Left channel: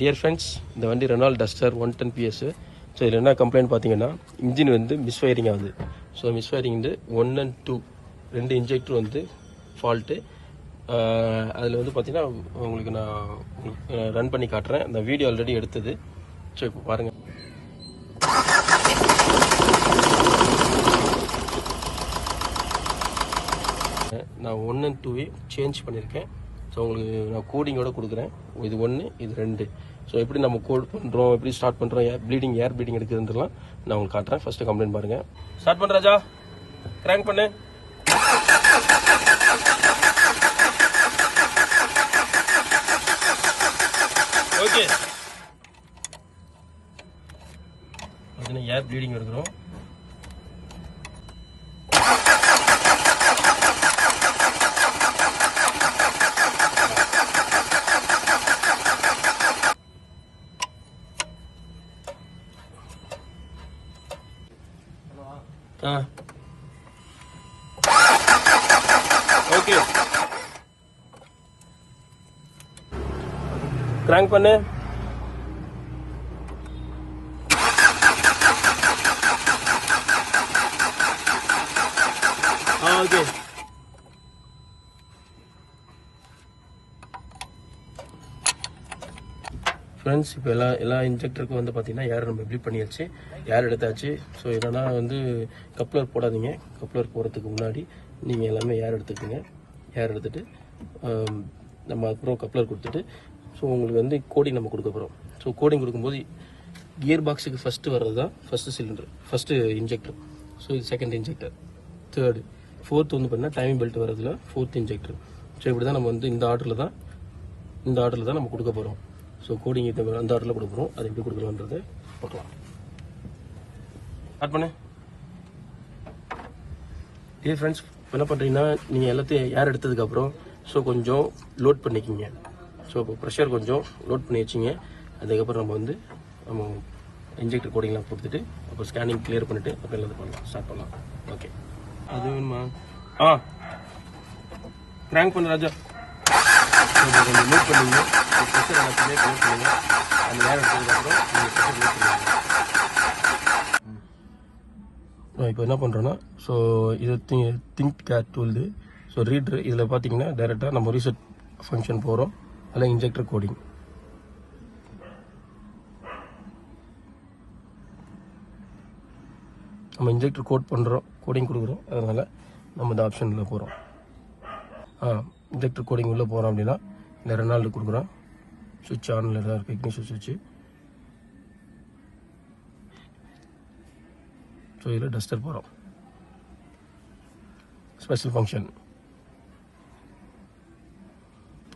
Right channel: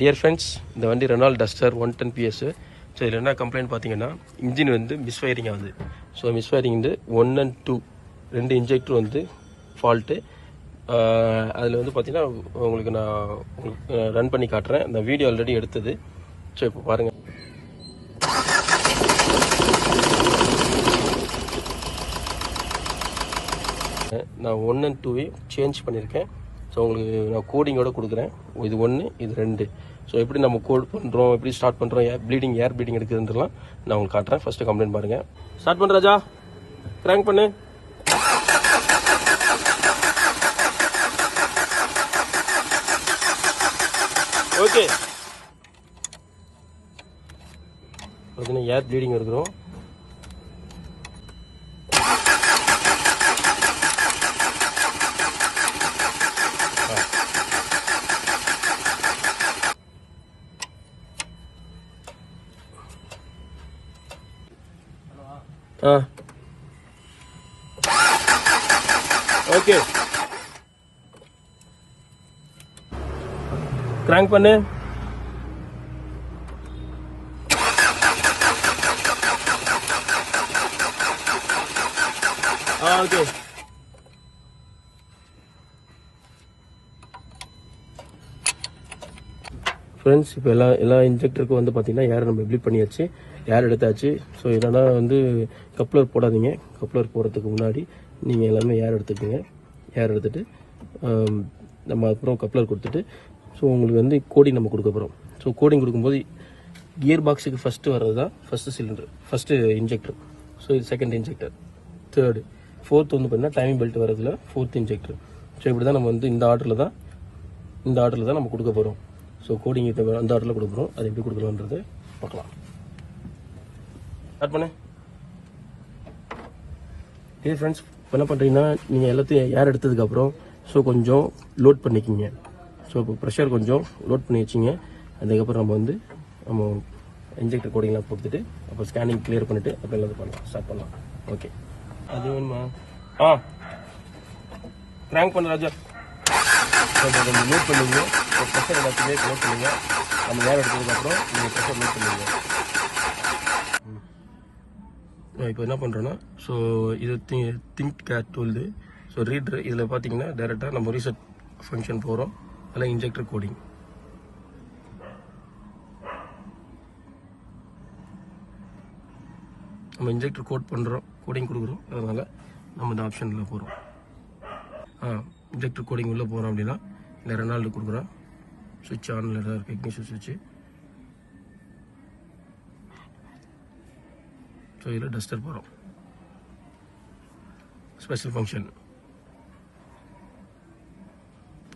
Dear friends, இந்த வண்டி Reynold duster 110 PS. So இதில் என்ன கம்ப்ளைண்ட் பார்த்தீங்கன்னா, இன்ஜின் வந்து மிஸ்ஃபயரிங் ஆகுது. ஸோ மிஸ்ஃபயரிங் வந்து 1 and 2 ரெண்டு இன்ஜெக்டர் வந்து ஃபால்ட்டு. அதில் வந்து பார்த்தீங்கன்னா உங்களுக்கு நான் ரன் பண்ணி காட்டுறேன். இந்த வீடியோ ஆல்ரெடி எடுத்தது. ஸோ இப்போ பாருங்கள். நான் 1 and 2 சேஞ்ச் பண்ணியிருக்கேன். ஸோ உங்களுக்கு நான் கோடிங்கோட கொடுக்குறேன். இது 1, இது 2. ஸோ எப்படி நம்ம கோட் பண்ணுறோம், எப்படி ஸ்டார்ட் பண்ணுறோம், ஏர் ப்ளீடிங் எடுக்குதுன்றலாம் நான் உங்களுக்கு காட்டுறேன். ஃபஸ்ட்டு கம்ப்ளைண்ட் பாருங்கள். ஸ்டார்ட் பண்ண ராஜா, கிராங்க் பண்ணு. ஓகே, பார்த்தீங்கன்னா ஏர் ப்ளீடிங் இருக்கிறோம். ஓகே, கிராங்க் பண்ணு. ஓகே, ஃப்ரெண்ட்ஸ், இப்போ எல்லா இன்ஜெக்டருக்கும் வந்து பார்த்தீங்கன்னா ஏர் நம்ம ப்ளீட் பண்ணியாச்சு, ஏர் எடுத்தாச்சு. ஸோ இதனால் வந்து கப்ளர் போடாதீங்க. கப்ளர் போடுறதுக்கு முன்னாடி நீங்கள் எல்லாமே ஏர் எடுத்துக்கோங்க. ஏர் எடுத்துகிட்டு நம்ம அப்புறம் கப்ளர் கொடுத்துட்டு ஸோ உங்களுக்கு வந்து கோடிங் நம்ம கொடுக்க போகிறோம். ஸோ கோடிங் கொடுக்கும்போது கியர் பாக்ஸுக்கு ஃபஸ்ட்டு வர்றது தான் first cylinder, first injector. So இது செகண்ட் இன்ஜெக்டர், தேர்டு, ஃபோர்த் வந்து பார்த்தீங்கன்னா டைம் பெல்ட் வரதில் ஃபோர்த் இன்ஜெக்டர். ஸோ இப்படி தான் நம்ம வந்து இந்த ஆர்டரில் தான் நம்ம கொடுக்க போகிறோம். ஸோ கோடிங் அந்த ஆர்டரில் கொடுக்குறோம். அது எப்படி கொடுக்கலான்றது பார்க்கலாம். ஸ்டார்ட் பண்ணு. இது ஃப்ரெண்ட்ஸ், என்ன பண்ணுறீங்கன்னா நீங்கள் எல்லாத்தையும் ஏர் எடுத்ததுக்கப்புறம் ஸோ கொஞ்சம் லோட் பண்ணிக்கிங்க. ஸோ இப்போ ப்ரெஷர் கொஞ்சம் லோட் பண்ணி வச்சிங்க. அதுக்கப்புறம் நம்ம இன்ஜெக்டர் கோடிங்லாம் கொடுத்துட்டு அப்புறம் ஸ்கேனிங் கிளியர் பண்ணிவிட்டு அப்புறம் எல்லாத்தையும் பண்ணலாம், ஸ்டார்ட் பண்ணலாம். ஓகே, அது வேணுமா? கிராங்க் பண்ண ராஜா. லோட் பண்ணுங்க, ப்ரெஷர் எல்லாத்தையுமே க்ளோஸ் பண்ணுங்க. அந்த ஏர் எடுத்ததுக்கப்புறம் நீங்கள் ப்ரெஷர் லோட் பண்ணுங்க. இப்போ என்ன பண்ணுறோன்னா, ஸோ இது think cat tool. So reader இதில் பார்த்தீங்கன்னா டைரெக்டாக நம்ம ரீசெட் ஃபங்க்ஷன் போகிறோம். அதில் இன்ஜெக்டர் கோடிங். நம்ம இன்ஜெக்டர் கோடிங் கொடுக்குறோம். அதனால் நம்ம இந்த ஆப்ஷனில் போகிறோம். இன்ஜெக்டர் கோடிங் உள்ளே போகிறோம் அப்படின்னா இல்லை ரெனால்டு கொடுக்குறோம். சுவிட்ச் ஆனில் தான் இருக்குது, இக்னிஷன் சுவிட்சு. ஸோ இதில் டஸ்டர் போகிறோம். ஸ்பெஷல் ஃபங்க்ஷன்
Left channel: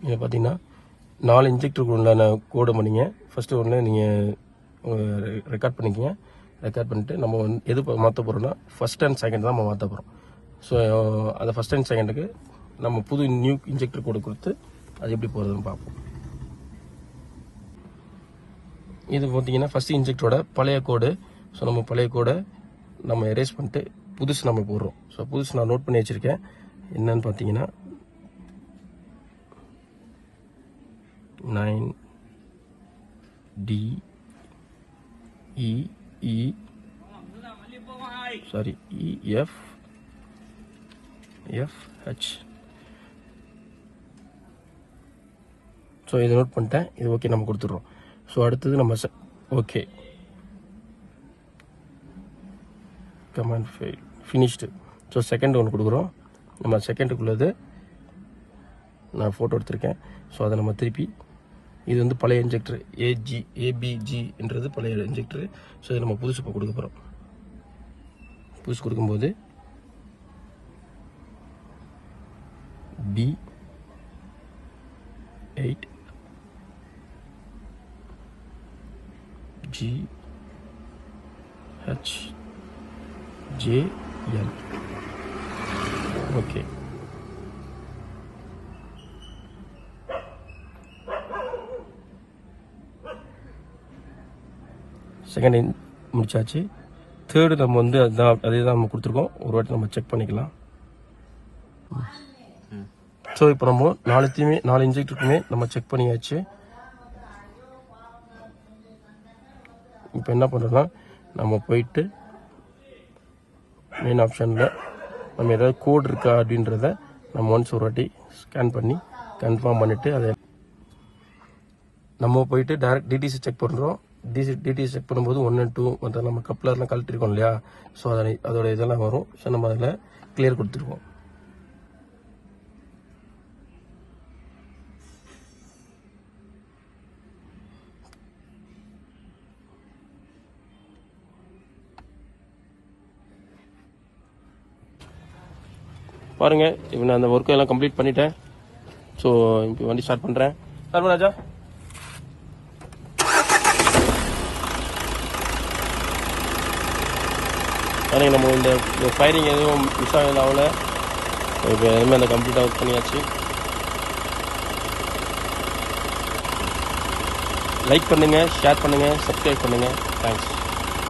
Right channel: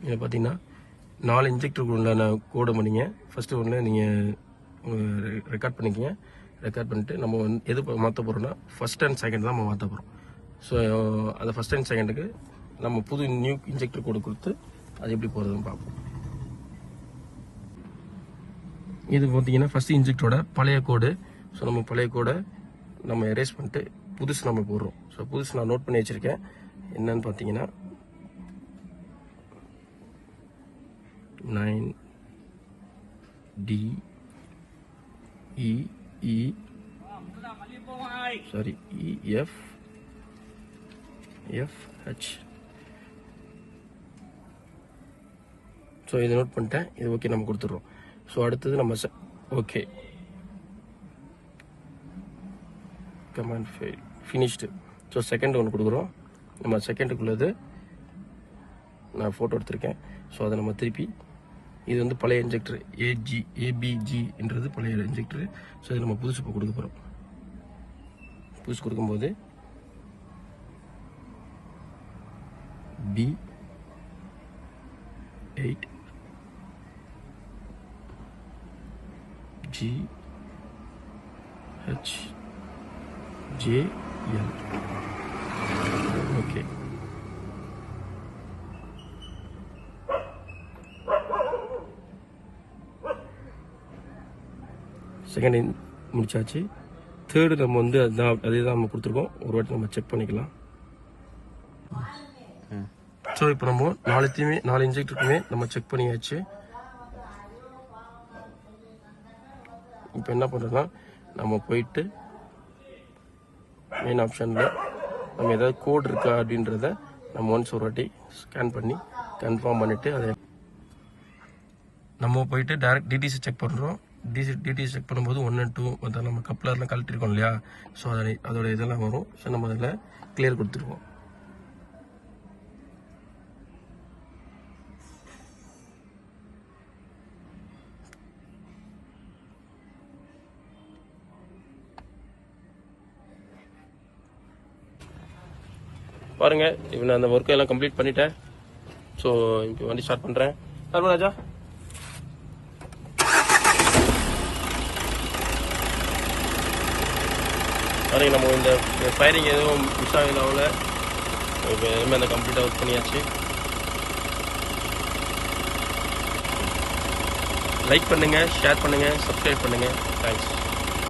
இதில் பார்த்தீங்கன்னா 4 இன்ஜெக்டருக்கு உண்டான கோடை பண்ணிங்க. ஃபஸ்ட்டு ஒன்று நீங்கள் ரெக்கார்ட் பண்ணிக்கிங்க. ரெக்கார்ட் பண்ணிட்டு நம்ம எது மாற்ற போகிறோம்னா ஃபஸ்ட் அண்ட் செகண்ட் தான் நம்ம மாற்ற போகிறோம். ஸோ அதை ஃபஸ்ட் அண்ட் செகண்டுக்கு நம்ம புது நியூ இன்ஜெக்டர் கோடு கொடுத்து அது எப்படி போகிறதுன்னு பார்ப்போம். இது பார்த்தீங்கன்னா ஃபஸ்ட்டு இன்ஜெக்டரோட பழைய கோடு. ஸோ நம்ம பழைய கோடை நம்ம எரேஸ் பண்ணிட்டு புதுசு நம்ம போடுறோம். ஸோ புதுசு நான் நோட் பண்ணி வச்சுருக்கேன். என்னன்னு பார்த்தீங்கன்னா 9DEEFH ஸோ இதை நோட் பண்ணிட்டேன். இது ஓகே நம்ம கொடுத்துருவோம். ஸோ அடுத்தது நம்ம okay command finished. So second ஒன்று கொடுக்குறோம். நம்ம செகண்டுக்குள்ளது நான் ஃபோட்டோ எடுத்திருக்கேன். ஸோ அதை நம்ம திருப்பி இது வந்து பழைய இன்ஜெக்டர் ABG பழைய இன்ஜெக்டரு. ஸோ இதை நம்ம புதுசு இப்போ கொடுக்க போகிறோம். புதுசு கொடுக்கும்போது B8GHJL. ஓகே, செகண்ட் முடிச்சாச்சு. தேர்டு நம்ம வந்து அதே தான் நம்ம கொடுத்துருக்கோம். ஒரு வாட்டி நம்ம செக் பண்ணிக்கலாம். ஸோ இப்போ நம்ம 4 இன்ஜெக்டருக்குமே நம்ம செக் பண்ணியாச்சு. இப்போ என்ன பண்ணுறோம்னா நம்ம போயிட்டு மெயின் ஆப்ஷனில் நம்ம ஏதாவது கோட் இருக்கா அப்படின்றத நம்ம ஒன்ஸ் ஒரு வாட்டி ஸ்கேன் பண்ணி கன்ஃபார்ம் பண்ணிவிட்டு அதை நம்ம போயிட்டு டைரக்ட் டிடிசி செக் பண்ணுறோம். டிடிசி செக் பண்ணும்போது 1 and 2 வந்து நம்ம கப்ளர்லாம் கழட்டிருக்கோம் இல்லையா, ஸோ அதோட இதெல்லாம் வரும். ஸோ நம்ம அதில் கிளியர் கொடுத்துருக்கோம். பாருங்கள், இப்போ நான் அந்த ஒர்க்கெல்லாம் கம்ப்ளீட் பண்ணிட்டேன். ஸோ இப்போ வண்டி ஸ்டார்ட் பண்ணுறேன். ராஜா பாருங்கள், நம்ம இந்த ஃபயரிங் எதுவும் மிஸ் ஆகல. இப்போ எல்லாமே அந்த கம்ப்ளீட்டாக ஒர்க் பண்ணியாச்சு. லைக் பண்ணுங்கள், ஷேர் பண்ணுங்கள், சப்ஸ்கிரைப் பண்ணுங்கள். தேங்க்ஸ்.